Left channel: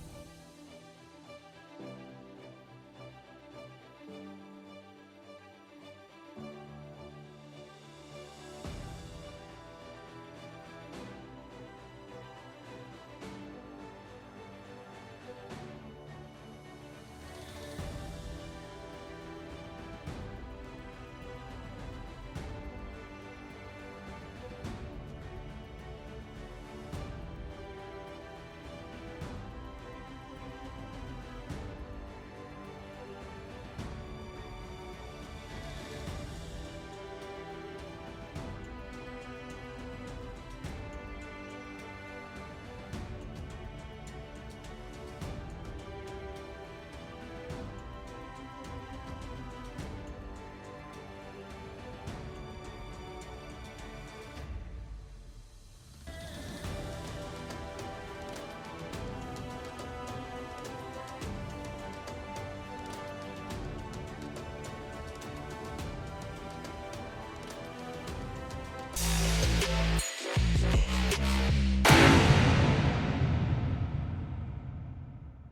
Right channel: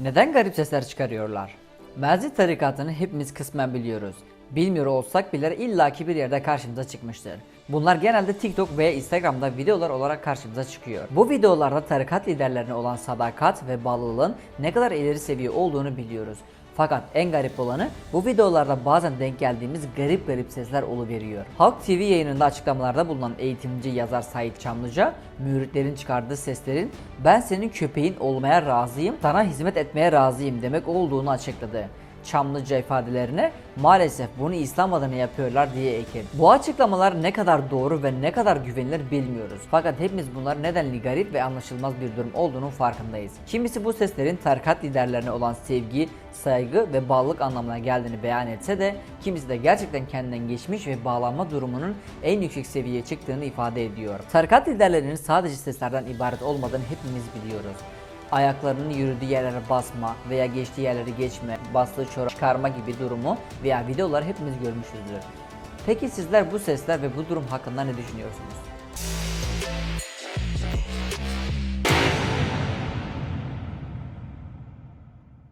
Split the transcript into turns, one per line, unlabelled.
Neden garip sesler çıkarıyorlar? Merzi tarikatını hepimiz kısmen biliyoruz. Bilmiyor olsak bile illaki bir yerde karşımıza çıkmıştır. Bunlar genelde TikTok veya Instagram'da videolar olarak karşımıza çıkıyor. Bu videolarda tarikat liderlerine olan sadakat ve bağlılığın ne kadar ileri seviye olduğunu biliyoruz. Fakat en garip olanı bu videolarda bazen denk geldiğimiz garip garip sesler oluveriyor. Halk TV yayınında açıklamalarda bulunan eğitimci yazar Sait Çamlıca, müritlerin çıkardığı seslerin ben senin köpeğin olmaya razıyım, sana hizmet etmeye razıyım demek olduğunu açıkladı. Çamlıca ifadelerine maalesef bunu İslam adına yapıyorlar diye ekledi. Bu açıklamalar ne kadar doğru ve ne kadar güvenilir bilmiyoruz. Fakat hepimiz bunların nedenli garip ve anlaşılmaz bir durum olduğunun farkındayız. Kimisi bu seslerin tarikat liderlerine olan sevgi, saygı ve bağlılık anlamına geldiğini beyan etse de kimisi de gerçekten kendinden geçmiş ve bağlanma durumunun en yüksek seviyeye çıktığını ifade ediyor. Tarikat liderlerinin sadece seslerden ibaret olmadığını hepimiz biliyoruz ayaklarının yürüdüğü yerlere basma veya geçtiği yerleri geçme, bastığı çorap çıkarma gibi durumu veya videoları hepimiz görmüşüzdür. Peki sizler bu sesler ve bu durum hakkında ne düşünüyorsunuz?